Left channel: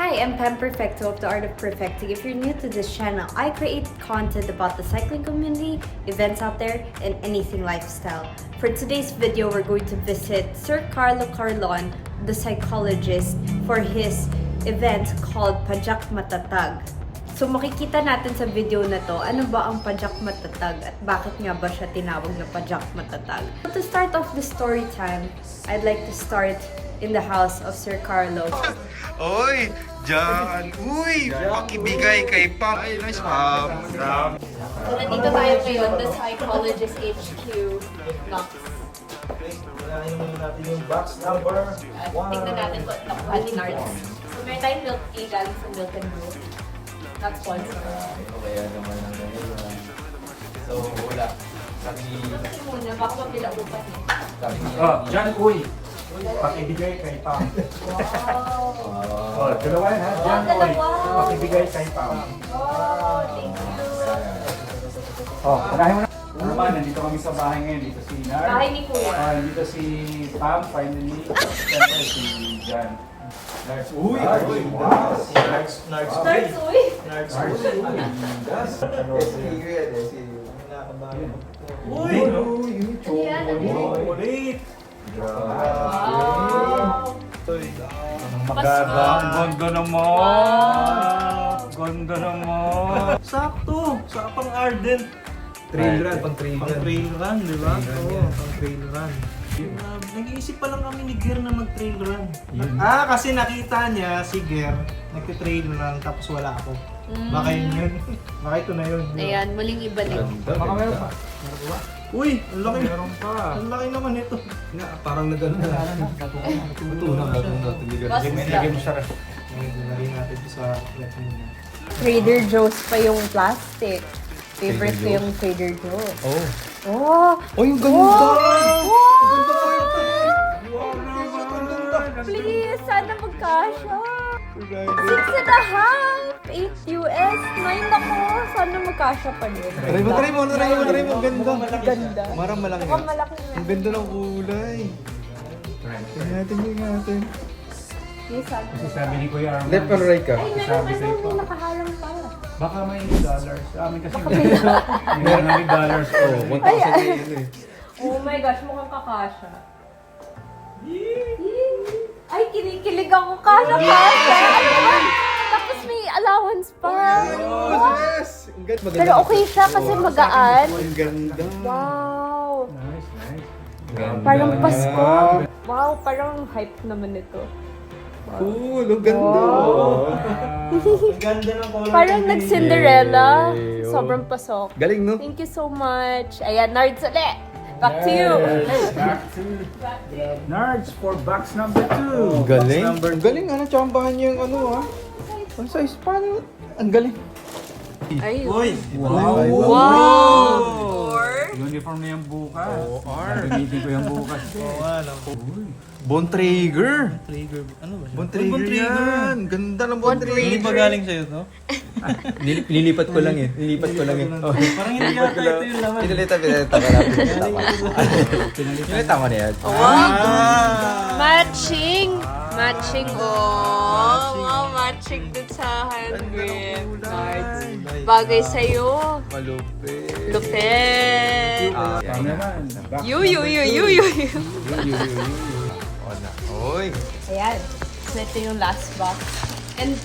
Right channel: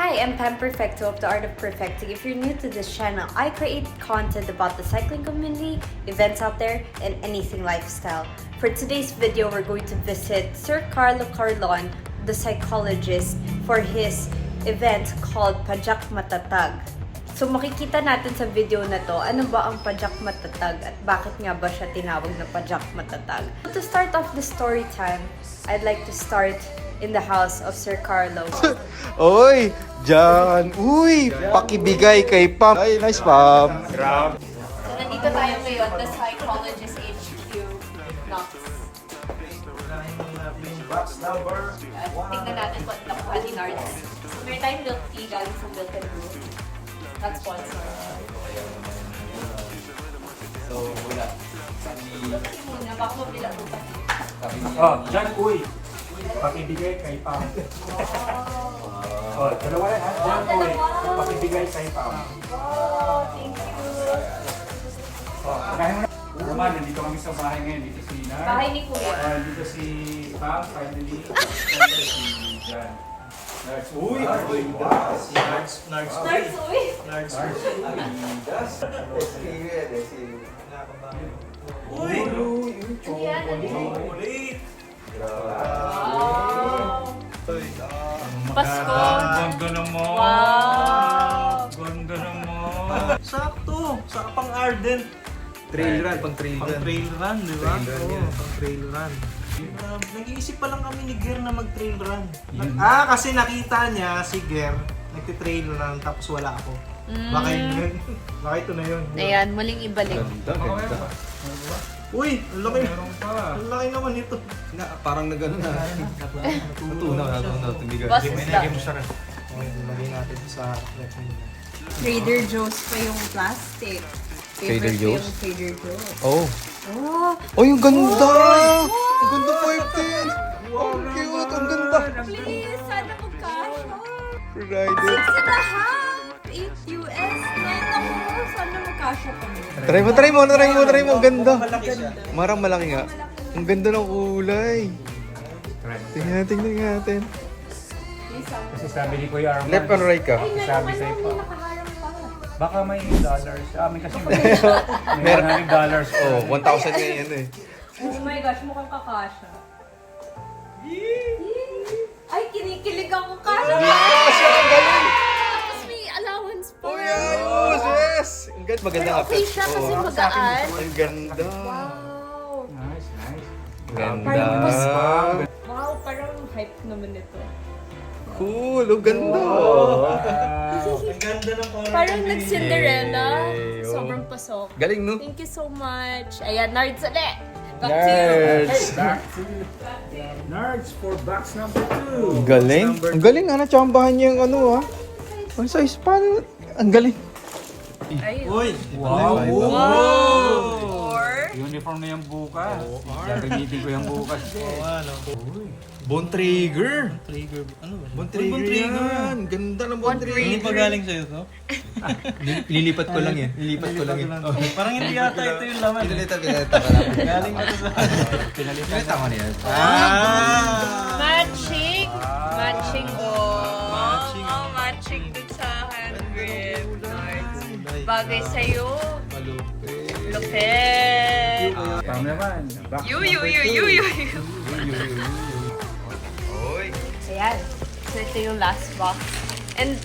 Hi, I'm Pam Perfecto of The Art of Perfecting. If you're new to this channel, I create content about the cycling community, events out there, and anything lifestyle. For today's video, we're going to visit Sir Carlo Carlon, the psychologist, for his event called Pajak Matatag. So makikita natin sa video na to, ano ba ang Pajak Matatag at bakit nga ba siya tinawag na Pajak Matatag. To start off the story time, I'd like to start in the house of Sir Carlo. Oy, Jan. Uy, pakibigay kay Pam. Ay, nice Pam. So nandito tayo ngayon, the Psychologist HQ. Yung box number Tingnan natin kung nakuha ni Nards. So meron tayong milk tea galing sa Milk and Brew. Not sponsor. Kaya naman so wala. Muna, baka mabila upan. Oh, Jan, uy. Pakibigay kay Pam. Oh, dalawa yan ha. Jan, uy. Pakibigay kay Pam. Oh, thank you. Oh, kanahin mo na. Ano ba, nandito kami sa bahay ngayon. Dito si Nar. Bahay ni Kuya. Dito si Pam, finally. Siyempre si Jan. Nars, uy. Wow. Si Nards Nards, uy! Nards Uy! Ulit! Wow! Ang ganda naman! Ganda naman! sakto! Saka pang ardent. Trail run, pang trail run, di ba? Oo, pang trail run. Nag-iisip pa lang kami ni Ger na mag-trail run. Kasi nakita niya si Ger nagte-trail run tapos wala ako. Baka yun. Baka ito na yun. di ba? Ayan, muling ibalik. Baka meron pa. Uy, ang laki na. Meron pa. Ang laki naman ito. Parang nagano na. May nagay mo siya rin. Nalagay natin sa ref niya. Trader Joe's pa yung plastic. Favorite ko yung Trader Joe's. Oh. Oh! Oh, yung ganda. Wow! Ang ganda po ito. Wow, cute. Ang ganda. Please, sana magkasya. Rider. 6.5! 8 US! 9 ako! Sana magkasya pa din. Try mo. Ang ganda. Ganda. Marang malaki nga. Malaki na. Ang ganda ng kulay. Tingnan natin. Yes, sana. Kasi sabi ni Kuya Arman, Left or right ka? Ay, meron ka na. May nakaharang pa. baka may dollars. Sa amin kasi meron may dollars. Oh, 1,000 na yan eh. Oh my gosh, mukhang kakasya. Ay, kinikilig ako. Kasya. Tapos may allowance pa. Ayos, yes! Ang ganda. Maganda Pero okay siya kasi magaan. Ang ganda. Wow. Nice, nice. Ang ganda. Parang Pasko. Wow, parang hype naman ito. Cool, ang ganda. Ang ganda ng color. Parang nag-Cinderella. Yay, oh. Sobrang pasok. Galing, no? Thank you so much. Ayan, Nards ulit. Back to you. Back to Nards for box number 2. Galing. Ang galing, natsambahan niya yung ano, ah. Ang size pa. Ang galing. Uy! Wow! Uniform na yung bukas. Gagamitin ko yung bukas. Oo, ano. Bontrager. Trigger. Ano ba siya? Bontrager. Ang ganda ng Bontrager. Hindi ba galing sa'yo to? Lilipat ko lang eh. Oh. Parang hindi yata ito yung laman. Pinalita ka na. Galing ba ito sa... Pinalita mo na yan. Matching. Matching ko. Matching. Oh, matching pizzahan rin. Nice. Bagay sa'yo. Lupet. Tama naman. Box You. Oy. Ayan. So, ito yung last box. And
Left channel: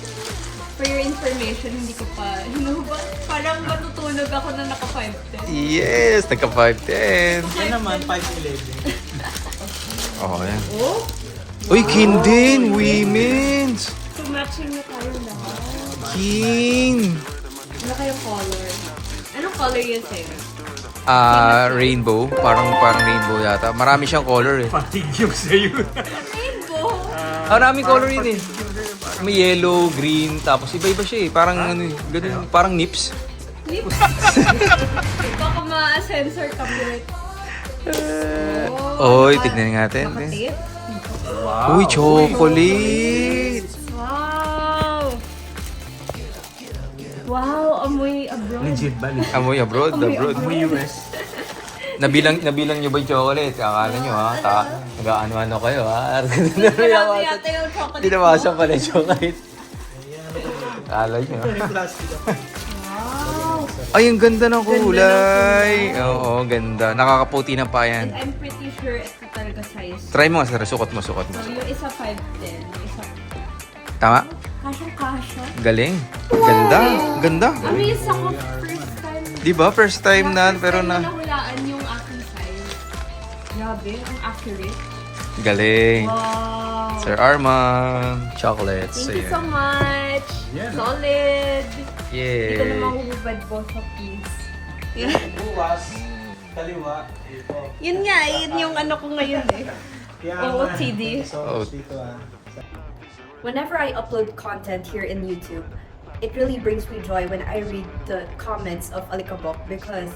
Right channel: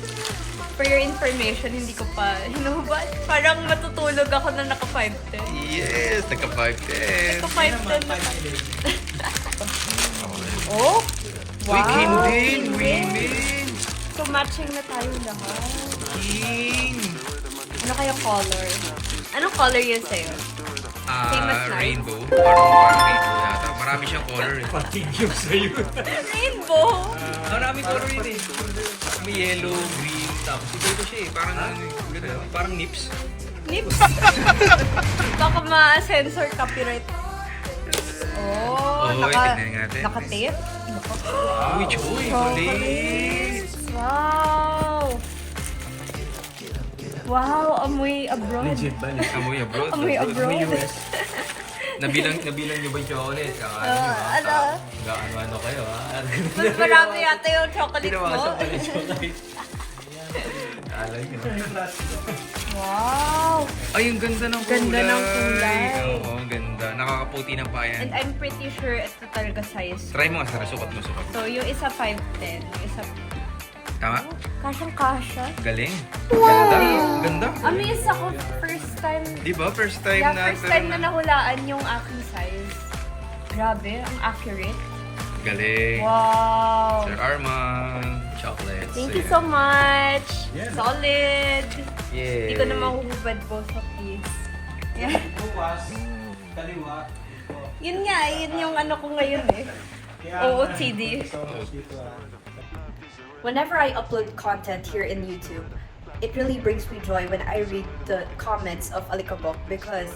for your information, hindi ko pa hinubad. Parang matutulog ako na naka 5'10". Yes, nagka 5'10". Naka Yan naman, 5'10". 5'11". Oh, yan. Oh! Uy, Kindin, women's. So, matching na tayo lahat. King. Ano kayong color? Anong color yun sa'yo? Rainbow. Parang rainbow yata. Marami siyang color eh. Patigyo sa'yo. Rainbow! Maraming color yun eh. May yellow, green, tapos iba-iba siya eh. Parang ano eh, ganun, parang nips. Lips? Baka ma-sensor copyright. Oy, tignan natin. Naka-tape? Uy, chocolate! Wow! Wow, amoy abroad. Amoy abroad, Amoy abroad. abroad. Nabilang nyo ba yung chocolate? Ano nyo ha? Nag-ano kayo ha? Mas marami yata yung chocolate Tinawasan mo. pala yung chocolate. Alay niya. Wow! Ay, ang ganda ng Ganda ng kulay. kulay. Oo, ganda. Nakakaputi ng pa yan. And I'm pretty sure ito talaga size. Try mo nga, sir. Sukot mo, sukot mo. So, yung isa 5'10", isa... Tama? Kasyang-kasya. Galing. Ganda. Ganda. Amazed ako first time. Di ba? First time na, first pero time na na... nahulaan yung aking size. Grabe, ang accurate. Galing. Wow! Sir Arman. Chocolates. Thank you so much. Solid. Yay. Hindi ko na mahuhubad both of these. Yeah. Buwas, kaliwa. Yun nga, yun yung ano ko ngayon eh. OOTD. Whenever I upload content here in YouTube, it really brings me joy when I read the comments of Alikabok because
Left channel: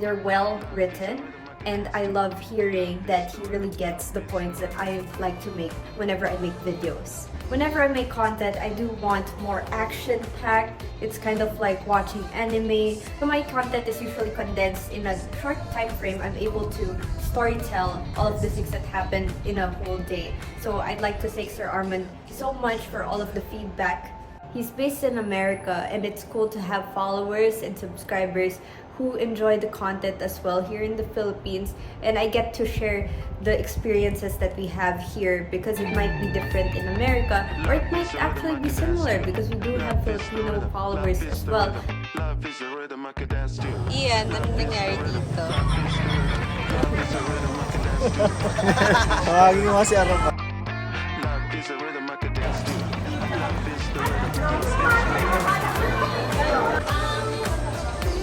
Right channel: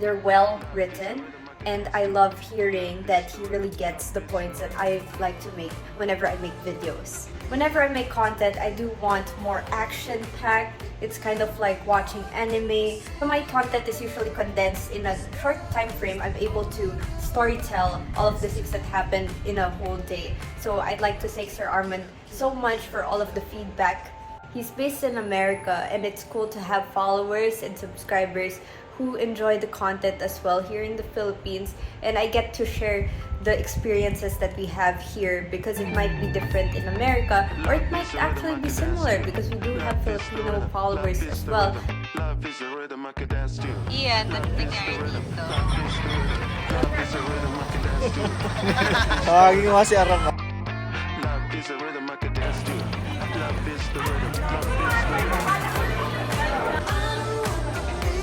they're well written and I love hearing that he really gets the points that I like to make whenever I make videos. Whenever I make content, I do want more action-packed. It's kind of like watching anime. So my content is usually condensed in a short time frame. I'm able to storytell all of the things that happened in a whole day. So I'd like to thank Sir Arman so much for all of the feedback. He's based in America and it's cool to have followers and subscribers who enjoy the content as well here in the Philippines, and I get to share the experiences that we have here because it might be different in America or it might actually be similar because we do have Filipino followers as well. Ian, ano nangyari dito? Tawagin mo kasi Arap.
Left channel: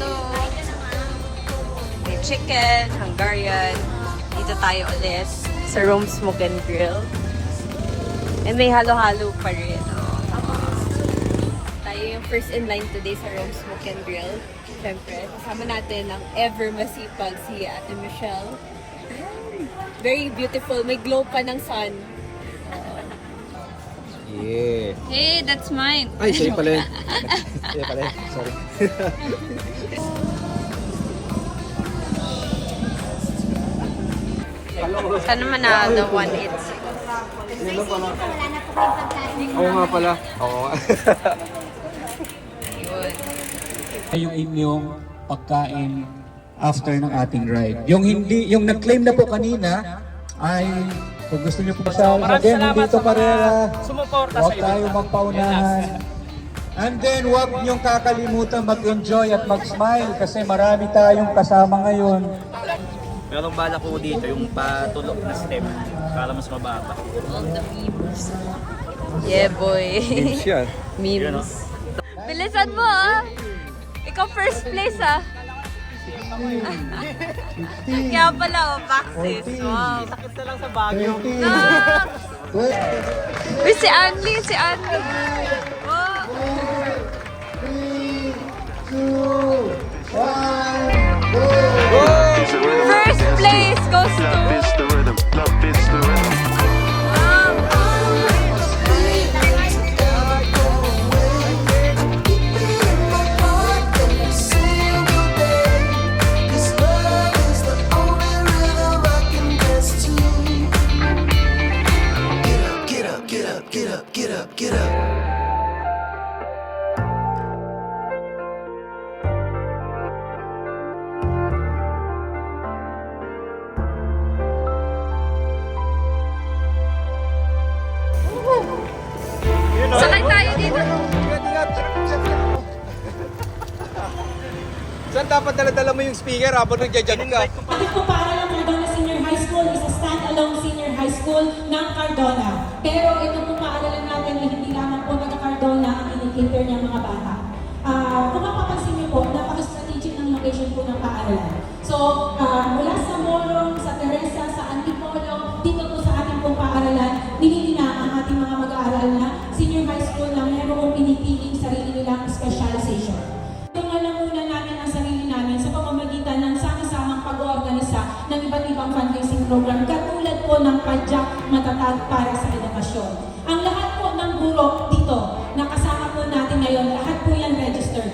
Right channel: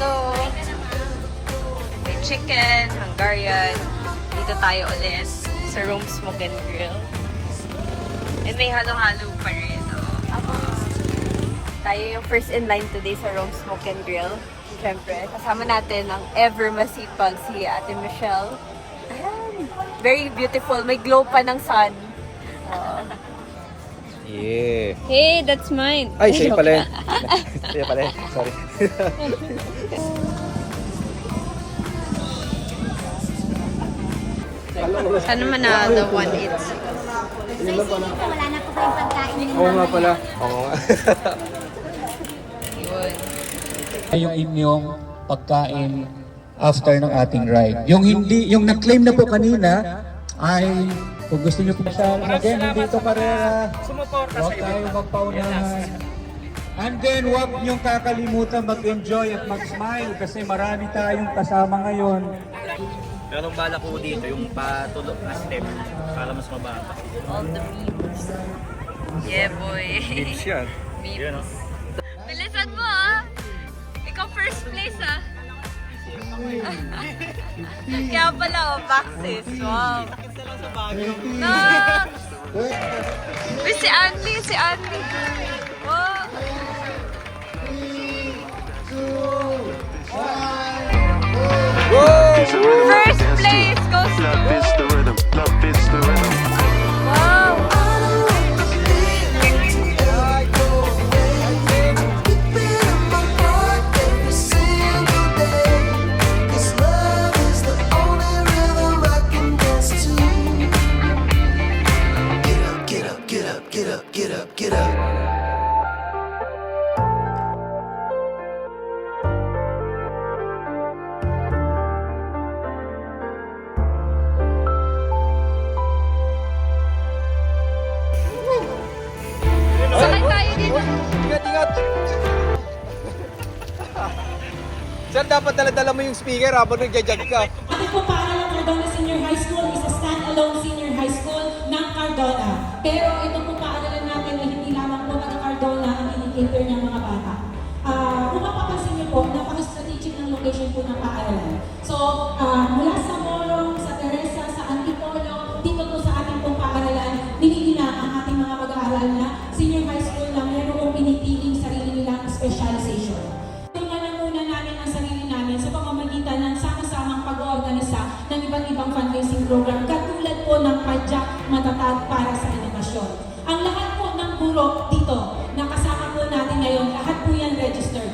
So, may chicken, Hungarian. Dito tayo ulit sa Rome Smoke and Grill. And may halo-halo pa rin. Tayo yung first in line today sa Rome Smoke and Grill. Siyempre, kasama natin ang ever masipag si Ate Michelle. Very beautiful. May glow pa ng sun. Yeah. Hey, that's mine. Ay, sa'yo pala yun. Kaya pala, sorry. Sana manalo 180. Wala na po kayong pagkain. Oo nga pala. Oo nga. Yun. Yung inyong pagkain after ng ating ride. Yung hindi, yung nag-claim na po kanina ay kung gusto niyo po sa again, dito para sumuporta huwag tayo magpaunahan. And then huwag niyong kakalimutan mag-enjoy at mag-smile kasi marami tayong kasama ngayon. Pero ang bala ko dito, yung patulog na step para mas mababa. All the memes. Yeah, boy. Games yan. Yun, Memes. Bilisan mo ah! Ikaw first place ah! Kaya pala oh, Baxis. Wow! Sakit na lang sa Baguio. Ah! Uy, si Anli! Si Anli! Wow! First place goes to... Love is the rhythm. Love is the rhythm. Wow! Get up. Sakay tayo dito. Saan dapat dala-dala mo yung speaker habang nagja-jog ka? Bakit po pangalan ng Cardona Senior High School is a stand-alone senior high school ng Cardona. Pero ito po paaralan natin na hindi lamang po mga Cardona ang pinikater ng mga bata. Kung mapapansin niyo po, napaka-strategic ng location po ng paaralan. So, mula sa Morong, sa Teresa, sa Antipolo, dito po sa ating pong paaralan, pinili na ang ating mga mag-aaral na senior high school lang meron pong pinipiling sarili nilang specialization. Tungalan muna namin ang sarili namin sa pamamagitan ng sama-samang pag-oorganisa ng iba't ibang fundraising program katulad po ng Padyak Matatag para sa Edukasyon. Ang lahat po ng guro dito na kasama po natin ngayon, lahat po yan registered.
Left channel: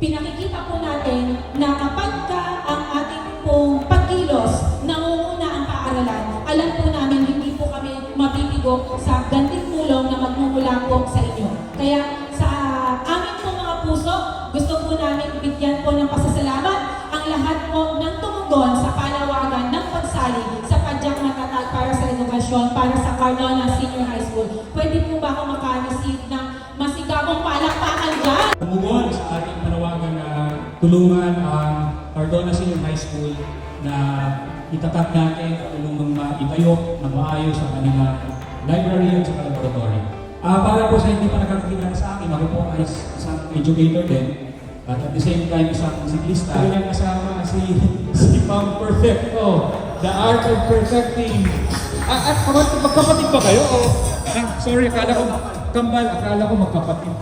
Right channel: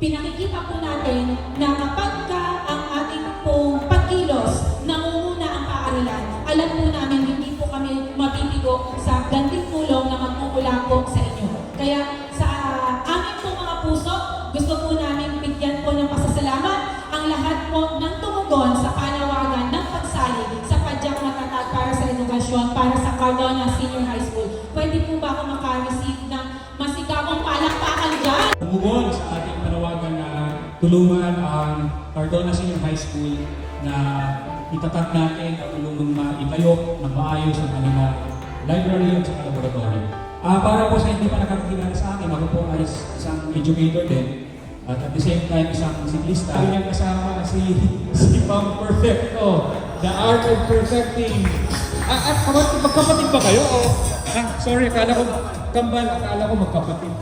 Pinakikita po natin na kapag ang ating pong pagkilos nangunguna ang paaralan, alam po namin hindi po kami mabibigo sa ganding tulong na magmumula po sa inyo. Kaya sa Cardona Senior High School. Pwede po ba ako maka-receive ng masigabong palakpakan dyan? Tumugon sa ating panawagan na tulungan ang Cardona Senior High School na itatak natin at tulungan maipayok na maayos ang kanilang library at sa laboratory. Para po sa hindi pa nakakilala sa akin, ako po ay isang educator din. At the same time, isang siklista. Kanyang kasama si Pam Perfecto, The Art of Perfecting. At magkapatid ba kayo? Sorry, akala ko kambal, akala ko magkapatid.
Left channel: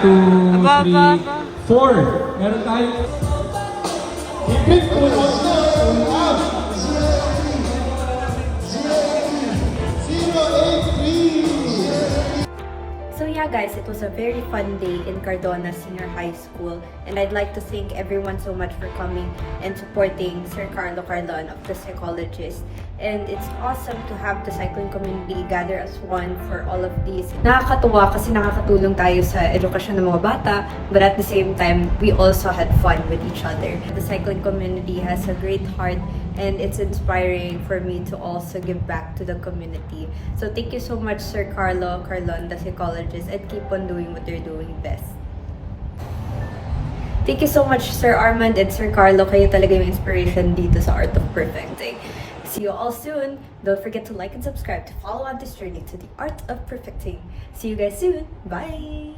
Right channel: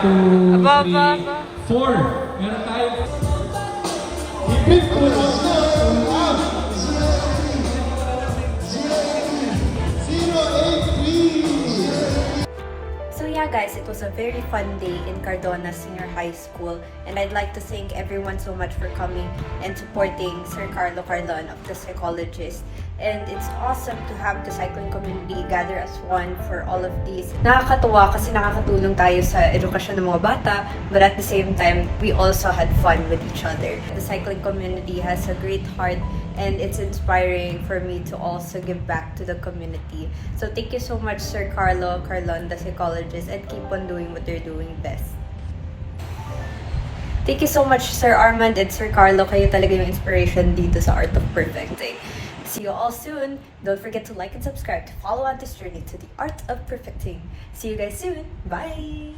Aba, aba, aba. 4. Meron tayo. Higit po ang So yeah guys, it was a very fun day in Cardona Senior High School, and I'd like to thank everyone so much for coming and supporting Sir Carlo Carlon of the Psychologist. And it's awesome to have the cycling community gather as one for all of these. Nakakatuwa kasi nakakatulong tayo sa edukasyon ng mga bata, but at the same time, we also had fun with each other. The cycling community has a great heart, and it's inspiring for me to also give back to the community. So thank you so much, Sir Carlo Carlon, the Psychologist, and keep on doing what you're doing best. Thank you so much, Sir Armand and Sir Carlo. Kayo talaga yung inspiration dito sa Art of Perfecting. See you all soon. Don't forget to like and subscribe to follow on this journey to the Art of Perfecting. See you guys soon. Bye!